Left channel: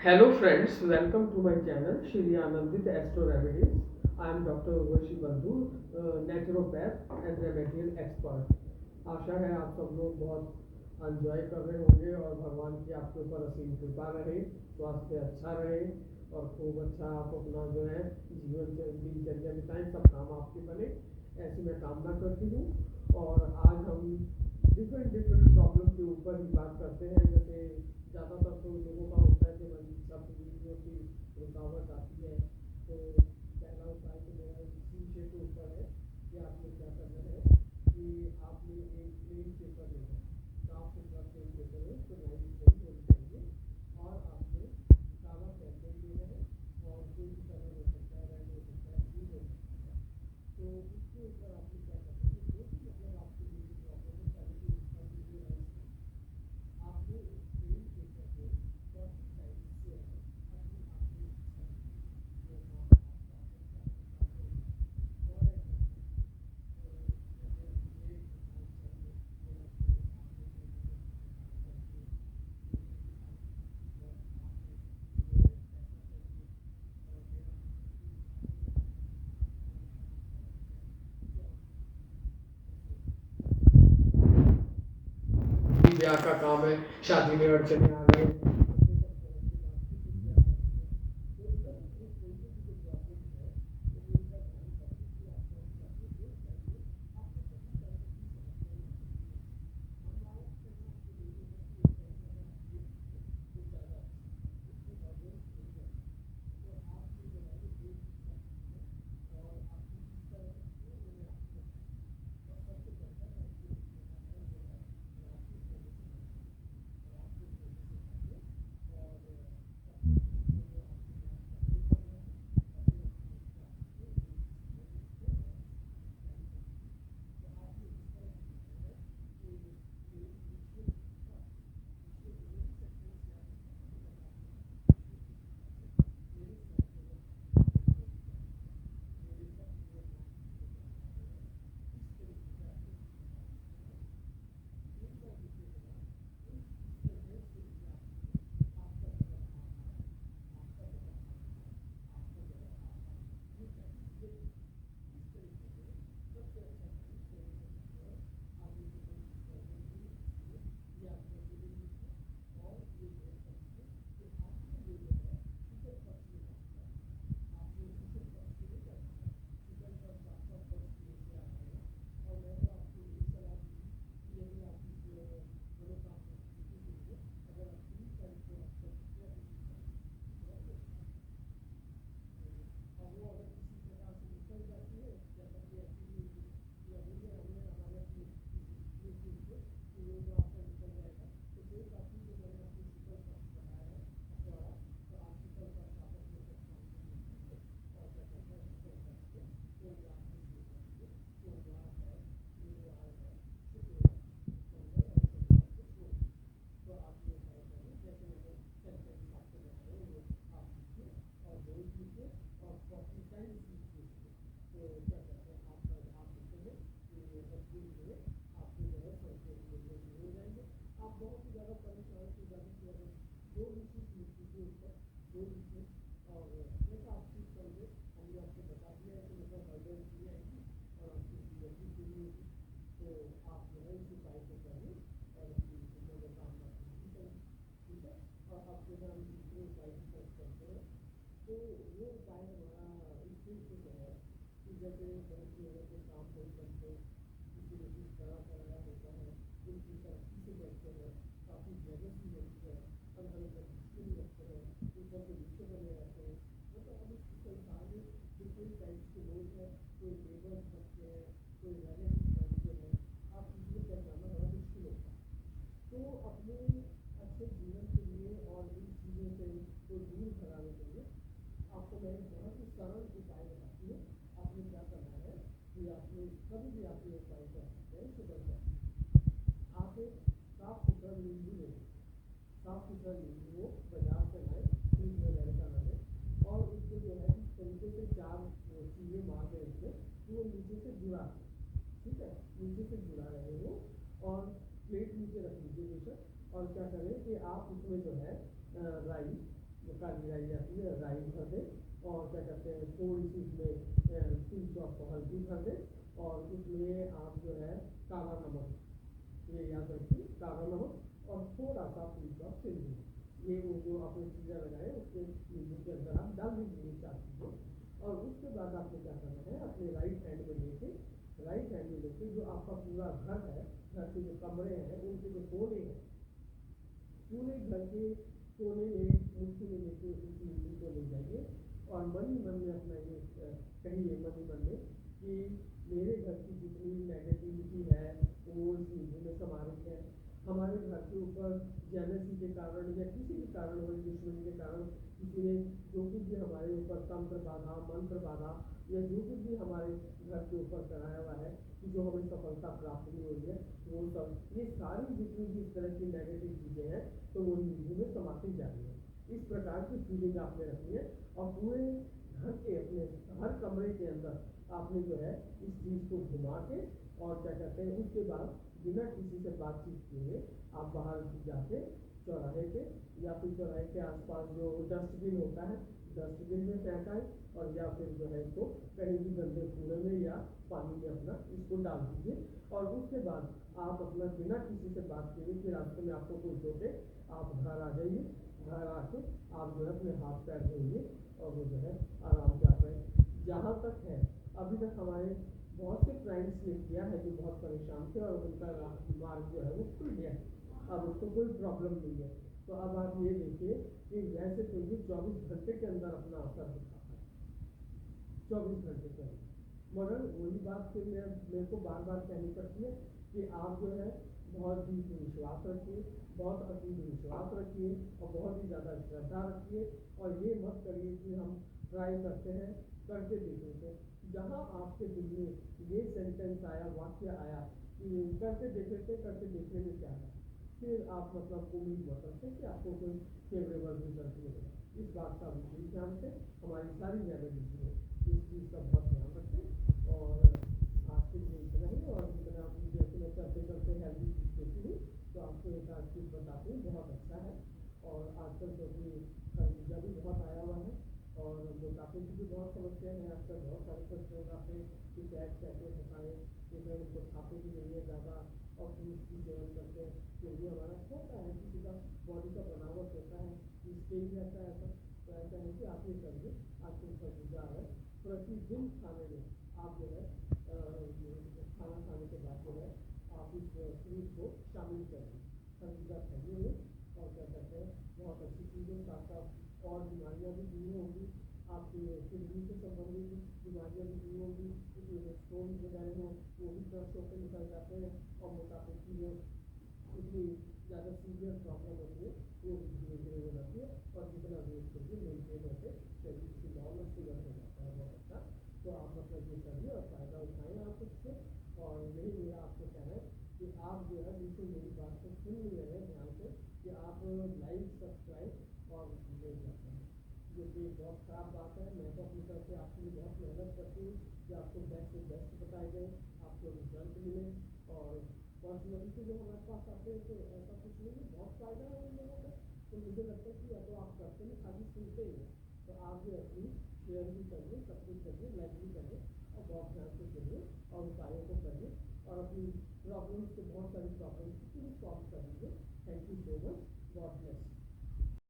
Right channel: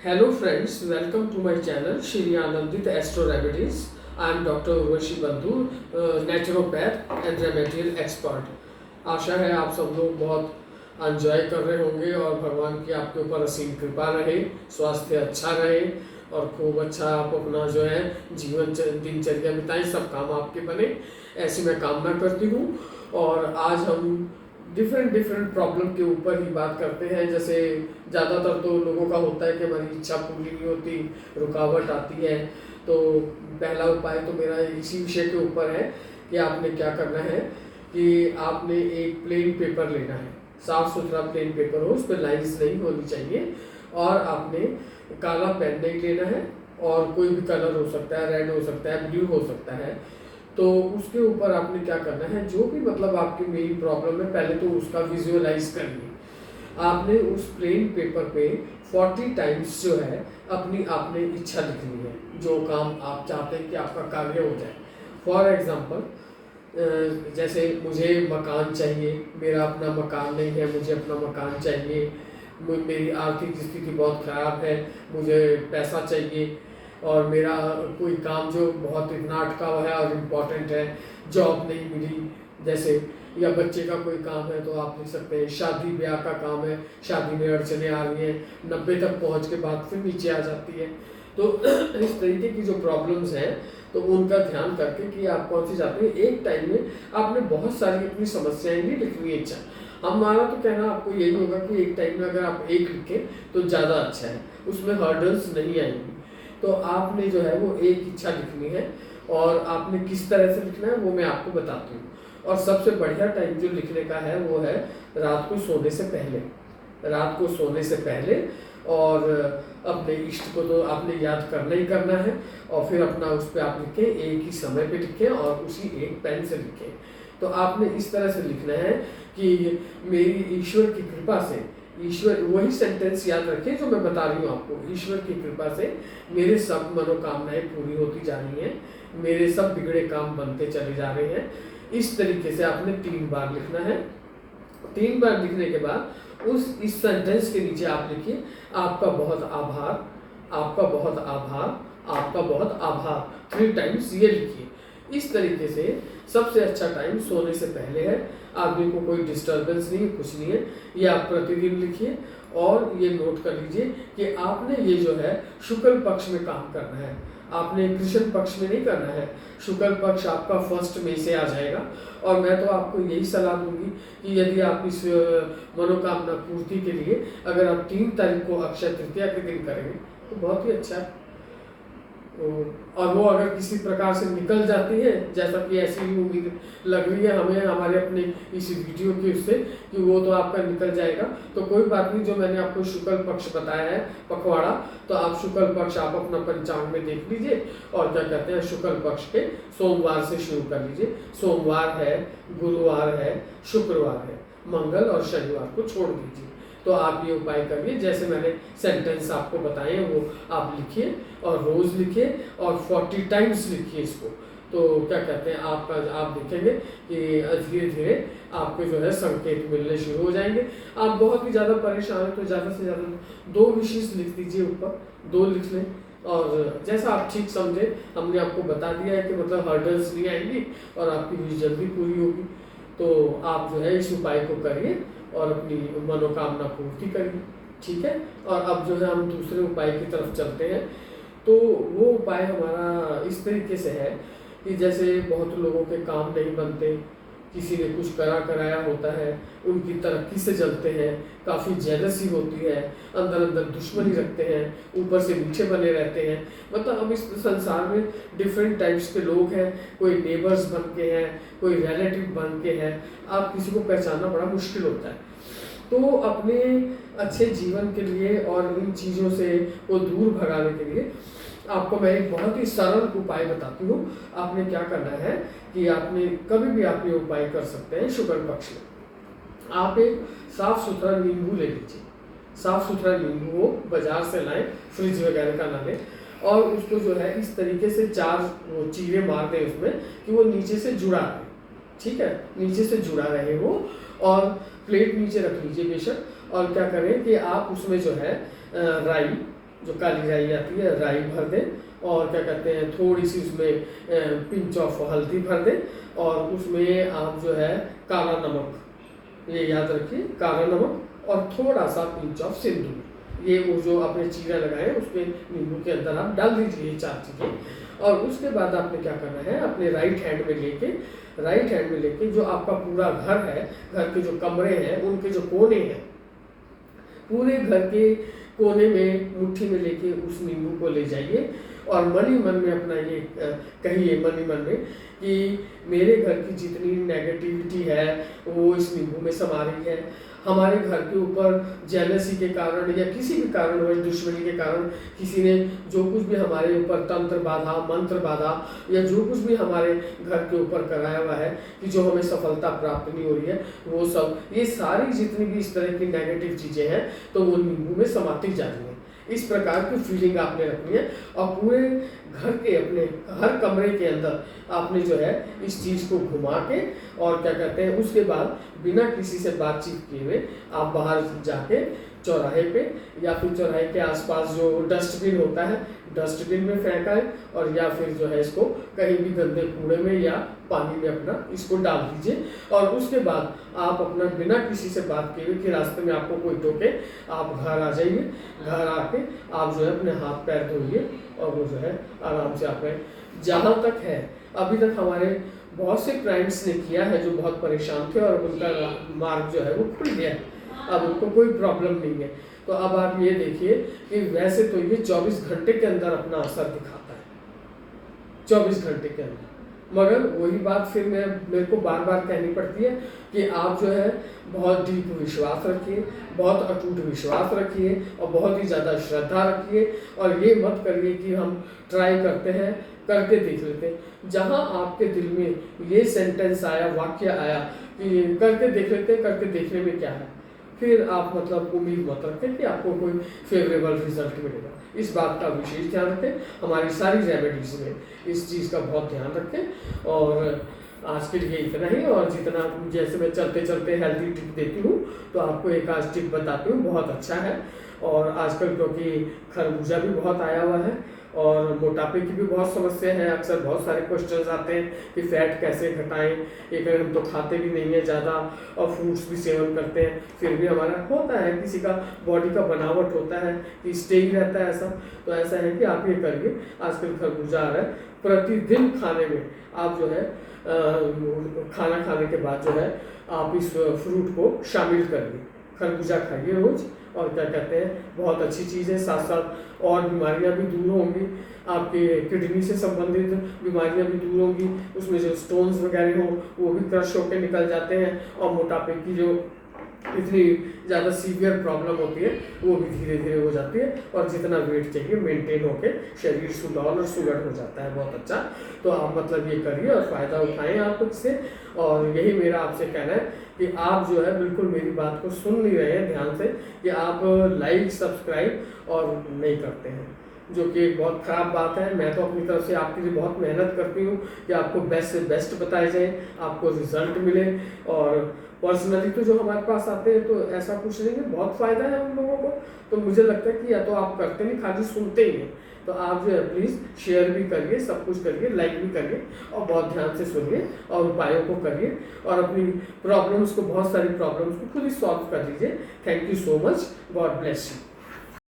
Hello friends, welcome to my channel Shri Anandit Astro Remedies. I am Dr. Urvashi Bandhu, naturopath and remedial expert. आशा है आप सब लोग बहुत enjoy कर रहे होंगे और भगवान की आपके ऊपर असीम कृपा रहे, स्वास्थ्य अच्छा रहे और खूब अच्छा आप अपना जो है जीवन दिनचर्या बिताएं, सब काम आपके बने, ऐसी मैं कामना करती हूँ। और आज हम डिफरेंट प्रॉब्लम के ऊपर ही बात करते हैं। जैसे ज़्यादातर तो लोगों का होता है कि हमारी इच्छा पूरी नहीं होती, रुकावट आती है। तो पहला उपाय तो मेरा इसी विषय के ऊपर है कि आपने क्या करना है कि आपने एक प्लेन पेपर लेना है, साफ सुथरा प्लेन पेपर हो, उस पर लाइंस नहीं होनी चाहिए। और आपने काला पेन नहीं लेना है और कोई भी कलर हो सकता है, रेड हो सकता है, ब्लू हो सकता है। तो उसके ऊपर आपने क्या करना है, जो भी मतलब आपकी मेन प्रॉब्लम है पहले तो उसका विजुअलाइज करिए। आपने उस प्लेन पेपर पे 40 टाइम्स जो है अपनी आपने इच्छा लिखनी है, जो काम आप चाहते हैं कि आपका कार्य हो जाए। फॉर एग्जाम्पल, जैसे मुझे मकान चाहिए, मेरा अपना मकान नहीं है, मुझे अपना मकान चाहिए, मेरी आर्थिक स्थिति बहुत ख़राब है, मुझे पैसा चाहिए, और मेरा कोई काम जो बहुत इतना अटका हुआ है और इम्पोर्टेंट है, जॉब नहीं मिली जैसे, या बच्चे का कोई काम है तो आप लिख सकते हैं शादी ब्याह का काम है, शादी में अड़चने आ रही हैं, 90 तक पहुंच के बाद फिर नीचे आ जाती है। तो इस तरीके की जो प्रॉब्लम्स हैं तो उनका ध्यान करके कि आप कौन सी चाहते हैं, एक टाइम में आपने बहुत सारी अपनी समस्याएं भी लिखनी है। इच्छा हमारा तो कहना आपको यही होगा कि एक टाइम में अगर आप एक लिखें तो ज़्यादा अच्छा है, उसमें हर्डल्स नहीं आएंगी। तो आपने जो है वो एक इच्छा लिखनी है और आपने किस तरह से लिखना है वो मैं आपको बताती हूँ। और सबसे बढ़िया टाइम जो लिखने का है वो है रात को सोने से पहले, रात को सोने से पहले। और अपने इष्ट को तो आपने याद करना ही करना है, और फिर अपना उस पर आप लिखें, एक ही समय पे लिखें और उसी एक पेन से लिखें। तो आपने इस तरह से लिखना है कि मेरी ईश्वर की कृपा से, ईश्वर, वही सेंटेंस याद रखें जो मैं बता रही हूँ आपको, ईश्वर की कृपा से मेरे सब मनोकामनाएं पूरी होती जा रही हैं, मेरे सब बिगड़े काम बनते चले जा रहे हैं। इस तरीके से आपने 3 बार लिखना है। 3 बार लिखने के बाद इस सेंटेंस के नीचे आप लिखिए, आपका बहुत आभार, आपका बहुत आभार, आपका बहुत आभार, 3 टाइम्स ये लिखिए। इस तरीके से सबसे अच्छा टाइम सोने से पहले है, आदमी को कोई डिस्टर्बेंस नहीं है, कुछ नहीं है। ये आप प्रतिदिन लिखिए और ये नोट कर लीजिए कि आपने ये जो है शुक्ल पक्ष में काम करना है, आपने कृष्ण पक्ष में नहीं करना है। शुक्ल पक्ष आपका 1 मई से आ जाएगा। और मैं तो आपको यही सलाह दूंगी कि यदि आप इस मनोकामना पूर्ति के लिए अगर आप 3 तारीख को अक्षय तृतीया के दिन करेंगे तो बहुत ही अच्छा है। और वो अगर किसी प्रकार से निकल जाती है, जैसा कि ऐसी ही उम्मीद लग रही है हमें हमारे अपने इस वीडियो के उससे कि वो तो आपका निकल जाएगा, तो कोई बात नहीं। जो मैंने आपको शुक्ल पक्ष बताया है पखवाड़ा, तो आप शुक्ल पक्ष आप अपना पंचांग में देख लीजिए और क्या कहते हैं शुक्ल पक्ष के सोमवार से शुरू कर लीजिए। सोमवार है, गुरुवार है, शुक्रवार है, मंगल और शनिवार को छोड़ दीजिए। तो आप ये उपाय करिए, जैसे मैंने सेंटेंस आपको बताए हैं वो आप लिखिए और रोज लिखिए और 40 टाइम्स लिखिए इसको। तो क्या कहते हैं आपका, आप देखेंगे कि धीरे धीरे आपको जो है संकेत मिलने शुरू हो जाएंगे। आप बहुत ही ज़्यादा परेशान हैं तो ज़्यादा से ज़्यादा 2 विशेष लिख दीजिए, ऊपर 2 लिख लें, और जैसा आप ठीक समझे। हमने आपको बता दिया है कि मतलब हर्डल्स नहीं आएंगी और आपकी विश जल्दी पूरी होगी। तो आप जो है इस उपाय को करिए और अपनी मनोकामना पूर्ति करिए, ठीक है। और अब जो है हम दूसरे उपाय की तरफ चलते हैं। तो वो उपाय हमारा इस तरीके से है कि जैसे बहुत लोगों के काम नहीं बनते, किसी ने कुछ कराया होता है, उनकी तरक्की से जलते हैं, काफ़ी जेलसी होती है, अंदर अंदर दुश्मनी रखते हैं, ऊपर से मीठे बने रहते हैं। मतलब हम इस संसार में डिफरेंट टाइप्स के लोग हैं, कोई नेबर्स बन के हैं, कोई रिलेटिव बन के हैं, आप किसी को पहचानना बड़ा मुश्किल होता है। तो अपने अच्छे जीवन के लिए और इन चीज़ों से वो दूर भगाने के लिए आपको मैं एक बहुत ही सरल उपाय बताती हूँ। आपने क्या करना है कि आपने कभी भी आप ये उपाय कर सकते हैं शुक्ल पक्ष में। आप एक साफ सुथरा नींबू ले लीजिए, साफ सुथरा नींबू वो बाजार से लाएं, फ्रिज वगैरह का ना लें, और उसको जो है इस तरीके से 4 वो चीरे मार दें उसमें कि वो नीचे से जुड़ा रहे, ठीक है, नीचे से जुड़ा रहे वो। और प्लेट नीचे रख लीजिए बेशक, और क्या करें कि आप उसमें जो है राई, जो काली राई आती है, राई भर दें और क्या कहते हैं थोड़ी सी उसमें पिंच ऑफ हल्दी भर दें और उसमें आप जो है काला नमक, ये याद रखिए, काला नमक और थोड़ा सा पिंच ऑफ सिंदूर, ये वो जो आपने चीरा लगाए उसमें नींबू के अंदर आप डाल दीजिए ये 4 चीज़ें। और उसके बाद आपने क्या करना है, अपने राइट हैंड में लेके जो आपका पूरा घर है, घर के जो कमरे हैं उनके जो कोने हैं, पूरे घर के कोने में मुट्ठी में लेके उस नींबू को ले जाइए और मन ही मन में अपना ये कहिए मन ही मन में कि मेरे घर की जितनी नेगेटिविटी है वो इस नींबू में समा रही है। हमारे घर के ऊपर जेलसी के कारण या किसी भी कारणवश दुश्मनी के कारण किसी ने जो कुछ भी हमारे ऊपर तंत्र बाधा, मंत्र बाधा या जो कुछ भी हमारे घर के ऊपर कराया हुआ है कि जो हमें सफलता प्राप्त नहीं हो रही है, वो सब, ये सारी जितनी भी इस तरह की नेगेटिव चीज़ें हैं तो वो नींबू में समाती जा रही हैं। इस प्रकार की फीलिंग आपने रखनी है और पूरे घर के अपने हर कमरे के अंदर आपने जो है इस चीज़ को घुमा के और क्या कहते हैं उसके बाद बिना किसी से बातचीत किए हुए आप बाहर जाके चौराहे पे या फिर चौराहे के आसपास जो डस्टबिन होता है डस्टबिन में फेंकाएं और या फिर जो है इसको कहीं भी गंदे कूड़े में या पानी में अपना इसको डाल दीजिए। और उसके बाद आप अपना बिना किसी से बात किए कि रास्ते में आपको कोई टोके आप घर आ जाइए, घर आके आप जो है अपने हाथ पैर धोइए और वो जो है आराम से आप जहाँ तक है अभी तक हमारे बहुत से क्लाइंट्स ने किया है जो बहुत परेशान थे और उनका मार्ग जो है वो खुल गया है, अब उनको कोई प्रॉब्लम नहीं है। तो अब आप ये देखिए कि वैसे तो ये 24 घंटे के अंदर अपना असर दिखाता है, 24 घंटे के अंदर, मगर वही बात फिर मेरे को बार बार कहनी पड़ती है कि आप जो है बहुत डीप विश्वास रखिए, बहुत अटूट विश्वास रखिए और बहुत ही ज़्यादा श्रद्धा रखिए और ये मत करिए कि हम ट्राई करते हैं करके देख लेते हैं। जहाँ आपके दिल में ये सेंटेंस आया, वाक्य आया कि करके देख लेते हैं, करके देखने में क्या है, फिर आप मतलब उम्मीद मत रखें कि आपको कोई फेवरेबल रिजल्ट मिलेगा। इस बात का विशेष ध्यान रखें, हमारी सारी रेमेडीज में इस चीज़ का बहुत ध्यान रखें। और आज के लिए इतना ही, और जितना जैसे मैं चलते चलते हेल्दी टिप देती हूँ तो आपको एक आज टिप बताती हूँ, बहुत अच्छा है। और आजकल क्योंकि खरबूजा भी बहुत आया हुआ है और मोटापे की भी बहुत समस्या है, अक्सर बहुत सारे क्वेश्चंस आते हैं कि फैट कैसे घटाएं, एक हम तो खाते भी नहीं है ज़्यादा और फ्रूट्स भी सेवन करते हैं, फिर भी हमारा होता है, किसी का बॉडी का बनावट होता है कि स्टे ही रहता है ऐसा। तो ऐसा है कि आप ये करिए, आजकल खरबूजा आ रहा है, प्रतिदिन खाने में आप जो है खाना खाने के बाद जो है आप इस फ्रूट को शामिल करिए, खरबूजा खाइए रोज़। और क्या कहते हैं बहुत अच्छी चीज़ है, साथ साथ और बीमारियां भी दूर होंगी, आपके किडनी से संबंधित बीमारियां भी दूर होंगी, उसमें जो स्टोन्स वगैरह हो वो भी क्रश होकर निकल जाते हैं और मोटापे की जो इतनी ज़्यादा सीवियर प्रॉब्लम होती है वो भी धीरे धीरे हो जाती है और जितना वेट चाहिए मेंटेन होके शरीर सुडौल और सुगढ़ हो जाता है, बहुत अच्छा। तो आप मतलब ये करिए और फ़ायदा उठाएं आप इससे। और यही मेरा आपसे कहना है कि आप जो है बिल्कुल मेरी बात को सुन नहीं रहे हैं ध्यान से कि आप लाइक सब्सक्राइब और नहीं करते हैं, जो कि एक बहुत ख़राब बात है। मैं तो अपनी तरफ से आपके लिए बहुत मेहनत करती हूँ कि आपको बेस्ट से बेस्ट बताए जाए, आपको रिजल्ट मिले। और पर्सनली तो जो हमारे पास आते हैं तो ऐसा कुछ नहीं है, बहुत फ़ायदा है उन लोगों को। तो मुझे लगता है कि या तो आप करते नहीं, खाली सुनते ही हैं। तो आप जो है प्लीज़ शेयर भी करिए, सब कुछ करिए, लाइक भी करिए और बहुत ध्यान से सुनिए और उपायों को करिए और अपनी प्रॉब्लम्स को, बहुत सारी प्रॉब्लम्स को खुद ही सॉल्व कर लीजिए। Thank you so much, God bless you.